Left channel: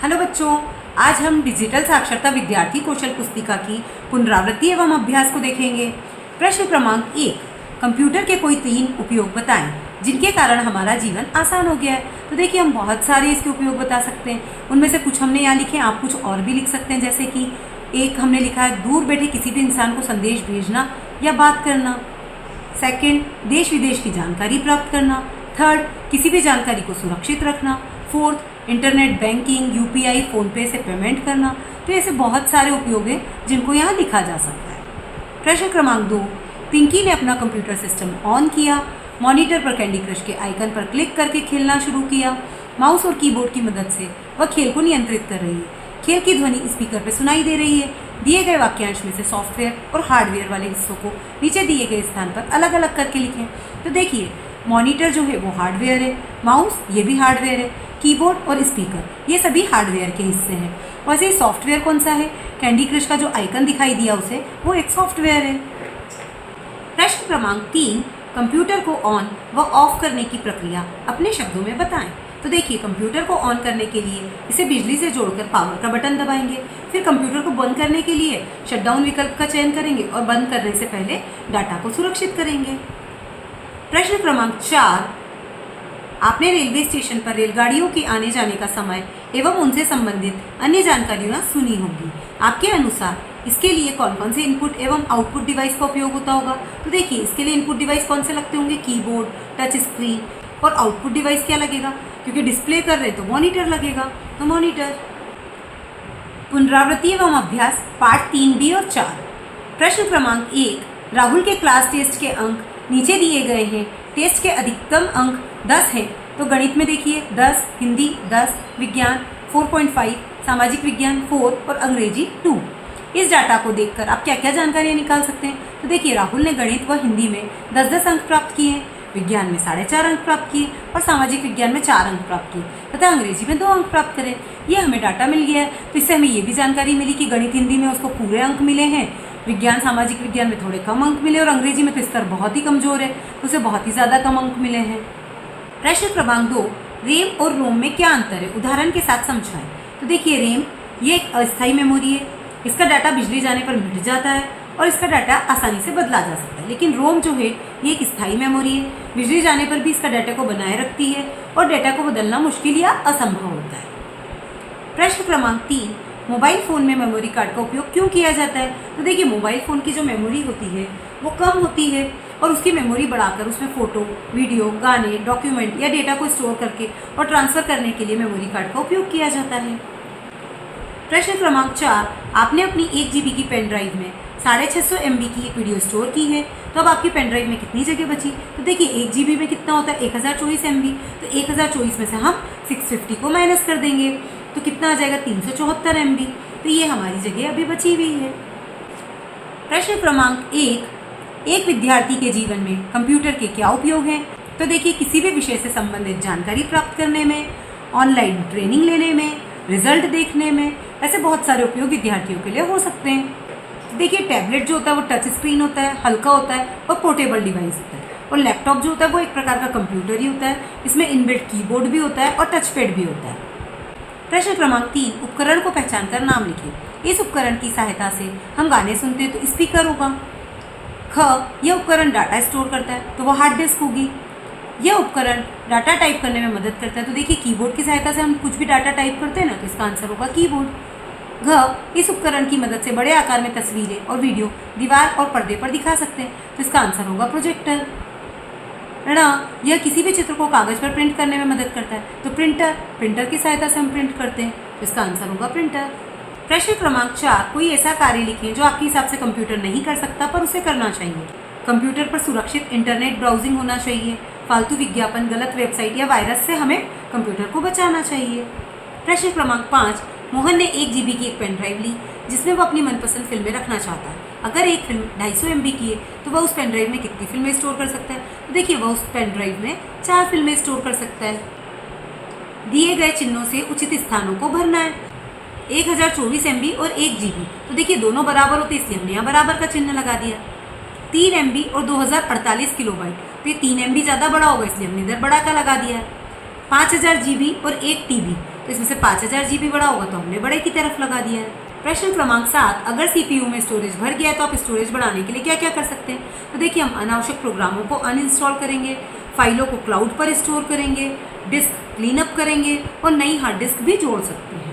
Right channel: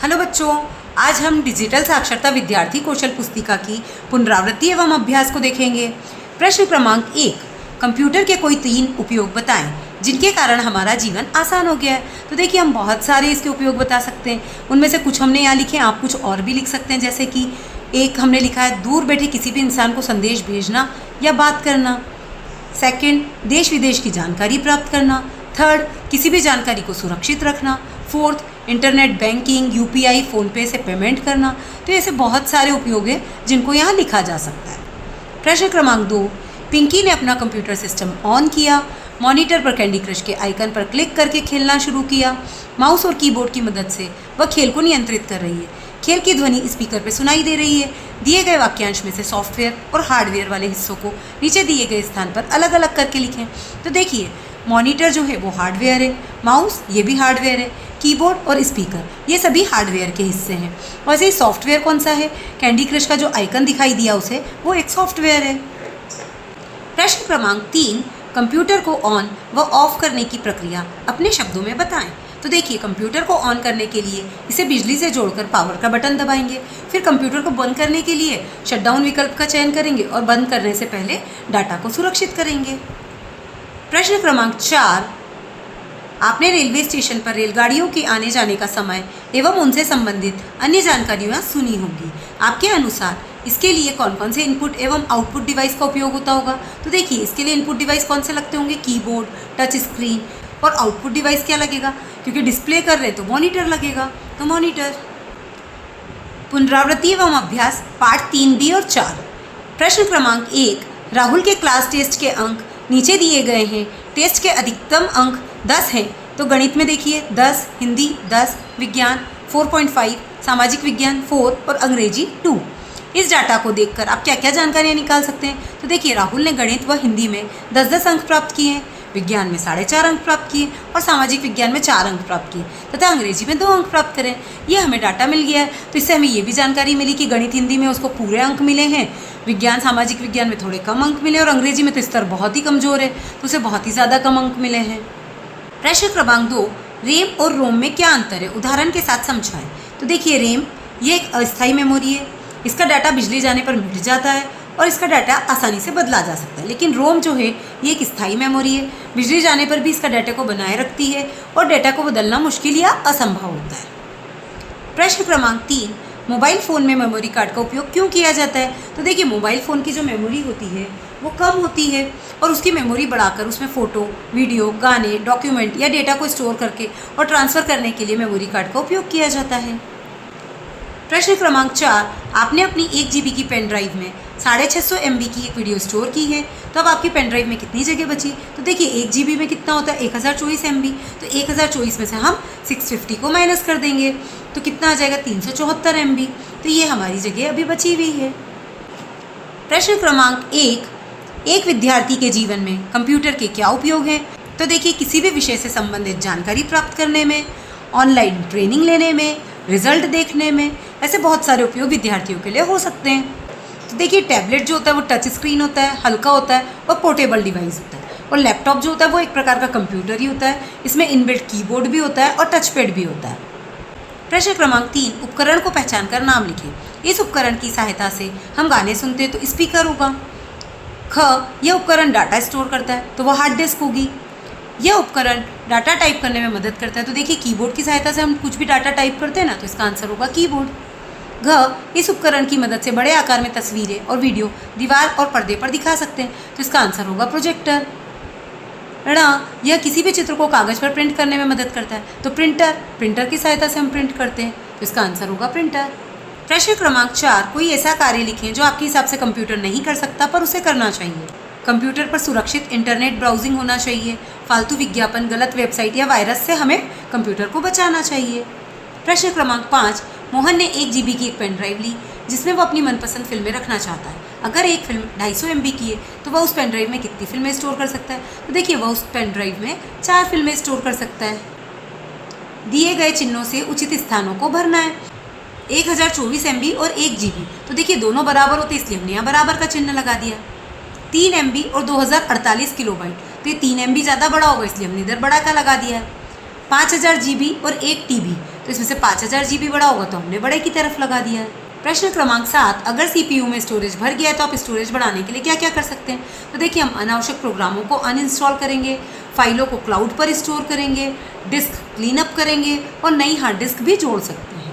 Hello बच्चों, आज हम डिजिटल साक्षरता विद्यार्थी कौशल पुस्तिका की पुनरावृत्ति एवं अभ्यास को देखेंगे। प्रश्न क्रमांक 1, कंप्यूटर के कोई 3 उपयोग बताएं जिनके कारण हमारा जीवन आसान हो गया है। तो देखिए, हम बहुत सारे इसके उपयोग बता सकते हैं। उनमें से कुछ हमने यहाँ लिखे हैं, आप कुछ और भी लिख सकते हैं। जैसे कि एक हमने लिखा है, दूर बैठे किसी भी इंसान को संदेश भेजना या बात करना। सेकंड, देश विदेश की जानकारी प्राप्त करना। थर्ड, किसी भी जानकारी को सुरक्षित रखना। Fourth, internet banking, UPI, PhonePe से पेमेंट करना। तो ऐसे बहुत सारे उपयोग हैं जिनको यहाँ लिखा जा सकता है। प्रश्न क्रमांक 2, पिंकी ने अपना कंप्यूटर सिस्टम ऑन किया, मॉनिटर पर कैंडी क्रश के आइकन पर क्लिक करके खेलना शुरू किया। माउस और कीबोर्ड की मदद से वह खेल को नियंत्रित कर रही है। खेल की ध्वनि स्पीकर पर सुनाई दे रही है। दिए गए वाक्यांश में से सॉफ्टवेयर और हार्डवेयर वाले हिस्सों को नीचे दिए गए स्थान पर अलग अलग करके लिखें। तो देखिए, मॉनिटर जो है वो हार्डवेयर है, माउस ये भी हार्डवेयर है, कीबोर्ड और स्पीकर ये सभी हार्डवेयर के हिस्से हैं। वैसे ही सॉफ्टवेयर कौन सा है? कैंडी क्रश का जो आइकन दिखाई दिया उसे, वो एक सॉफ्टवेयर है। प्रश्न क्रमांक 3, कंप्यूटर को ऑन व ऑफ करने की प्रक्रिया अपने शब्दों में बताएं। तो देखिए, कंप्यूटर को ऑन करने के लिए इसे बिजली से जोड़कर पावर का बटन दबाएंगे। फिर कंप्यूटर को बंद करने के लिए शटडाउन विकल्प का चयन करेंगे और बंद करने से पहले डाटा को सुरक्षित करेंगे। प्रश्न क्रमांक 4, आपने रेलवे स्टेशन पर रेलगाड़ियों के आने जाने का समय एवं उनसे संबंधित अन्य जानकारियाँ सुनी होगी। आपके अनुसार इसके लिए कौन कौन से इनपुट एवं आउटपुट डिवाइस का उपयोग होता होगा? तो देखिए, इसके लिए इनपुट डिवाइस कौन से लगते होंगे? Keyboard, touch screen. और आउटपुट डिवाइस क्या लगेगा? क्योंकि डिस्प्ले कर रहे तो मॉनिटर लगेगा, तो मॉनिटर। पुनरावृत्ति एवं अभ्यास पार्ट 3B और 4। प्रश्न क्रमांक 1, राहुल के क्लास टेस्ट के अंक नीचे दिए गए हैं। टेस्ट के अधिकतम अंक 10 हैं। तो गणित में देखिए 10, हिंदी 10, विज्ञान 4.5, सामाजिक विज्ञान 4 और अंग्रेजी 2। इस डाटा को देखकर आप क्या क्या जानकारियाँ निकाल सकते हैं? तो देखिए, राहुल ने गणित व हिंदी में 10-10 अंक प्राप्त किए हैं, विज्ञान में 4.5 अंक प्राप्त किए और सामाजिक विज्ञान में 4 अंक प्राप्त किए तथा अंग्रेजी में 2 अंक प्राप्त करें। ये हमें डाटा मिल गया है। तो इससे हमें ये भी जानकारी मिली कि गणित हिंदी में उसको पूरे अंक मिले हैं, विज्ञान सामाजिक विज्ञान में थोड़े कम अंक मिले और अंग्रेजी में तो स्तर बहुत ही कमज़ोर है, तो उसे बहुत ही ज़्यादा कम अंक मिले हैं। प्रश्न क्रमांक 2, रैम और रोम में क्या अंतर है? उदाहरण के साथ समझाएं। तो देखिए, रैम ये एक अस्थायी मेमोरी है। इसका डाटा बिजली जाने पर मिट जाता है और इसका डाटा आसानी से बदला जा सकता है। लेकिन रोम जो है ये एक स्थायी मेमोरी है, बिजली जाने पर भी इसका डाटा को बनाए रखती है और डाटा को बदलना मुश्किल या असंभव होता है। प्रश्न क्रमांक 3, मोबाइल फ़ोन में मेमोरी कार्ड का उपयोग क्यों किया जाता है? तो देखिए, मोबाइल फ़ोन की जो मेमोरी होती है वो कम होती है और उसकी मेमोरी बढ़ाकर उसमें फ़ोटो, वीडियो, गाने, डॉक्यूमेंट या डेटा को स्टोर करके और ट्रांसफ़र करने के लिए मेमोरी कार्ड का उपयोग किया जाता है। प्रश्न क्रमांक 4, आपने अपनी 1 GB की पेन ड्राइव में 650 MB की एक वीडियो स्टोर की है। तो अब आपकी पेन ड्राइव में कितनी जगह बची? तो देखिए, 1 GB में कितना होता है? 1024 MB। तो 1024 में से हम 650 को माइनस कर देंगे तो कितना आ जाएगा? 374 MB। तो ये हमारी जगह अभी बची हुई है। प्रश्न क्रमांक 1, एक विद्यार्थी के जीवन में कंप्यूटर के क्या उपयोग हैं? तो देखिए, किसी भी विषय से संबंधित जानकारी प्राप्त करने में, ऑनलाइन ट्रेनिंग लेने में, रिजल्ट देखने में, ऐसे बहुत सारे उपयोग विद्यार्थियों के लिए हो सकते हैं। तो देखिए, टैबलेट जो होता है वो टच स्क्रीन होता है, हल्का होता है और पोर्टेबल डिवाइस होता है। और लैपटॉप जो होता है वो एक प्रकार का कंप्यूटर ही होता है। इसमें इनबिल्ट कीबोर्ड भी होता है और टच पैड भी होता है। प्रश्न क्रमांक 3, उपकरण को पहचान कर नाम लिखें। इस उपकरण की सहायता से हम गाने सुनते हैं तो स्पीकर होगा। ख, यह उपकरण डाटा स्टोर करता है तो वह हार्ड डिस्क होगी। यह उपकरण डाटा टाइप करने में मदद करता है। तो देखिए, कीबोर्ड की सहायता से हम कुछ भी डाटा टाइप करते हैं ना, तो इसका आंसर होगा कीबोर्ड। घ, इस उपकरण की मदद से बड़े आकार में तस्वीरें और वीडियो दीवार और पर्दे पर दिखा सकते हैं। तो इसका आंसर होगा प्रोजेक्टर। ण, यह किसी भी चित्र को कागज़ पर प्रिंट करने में मदद करता है। तो प्रिंटर की सहायता से हम प्रिंट करते हैं। तो इसका आंसर होगा प्रिंटर। प्रश्न क्रमांक 4, कोई ऐसा कार्य लिखें जो आपके हिसाब से कंप्यूटर नहीं कर सकता पर उसे करना चाहिए। कंप्यूटर पर सुरक्षित इंटरनेट ब्राउजिंग होना चाहिए। फालतू विज्ञापन, गलत वेबसाइट या वायरस से हमें कंप्यूटर को बचाना चाहिए। प्रश्न क्रमांक 5, मोहन ने 1 GB की एक पेन ड्राइव ली जिसमें वो अपनी मनपसंद फिल्में रखना चाहता है। अगर एक फिल्म 250 MB की है तो वह उस पेन ड्राइव में कितनी फिल्में स्टोर कर सकता है? तो देखिए, वह उस पेन ड्राइव में 4 फिल्में स्टोर कर सकता है। दिए गए चिन्हों से उचित स्थानों को भरना है। 1024 MB और 1 GB। तो देखिए, दोनों बराबर होते इसलिए हमने यहाँ बराबर का चिन्ह लगा दिया। 3 MB और 2048 किलोबाइट, तो ये 3 MB ज़्यादा बड़ा होगा इसलिए हमने इधर बड़ा का लगा दिया है। 5000 GB और 1 TB, तो इसमें से 5000 GB बड़ा होगा तो हमने बड़े की तरफ लगा दिया है। प्रश्न क्रमांक 7, अगर CPU में स्टोरेज भर गया है तो आप स्टोरेज बढ़ाने के लिए क्या क्या कर सकते हैं। तो देखिए, हम अनावश्यक प्रोग्रामों को अनइंस्टॉल करेंगे, फाइलों को क्लाउड पर स्टोर करेंगे, डिस्क क्लीन अप करेंगे और नई हार्ड डिस्क भी जोड़ सकते हैं।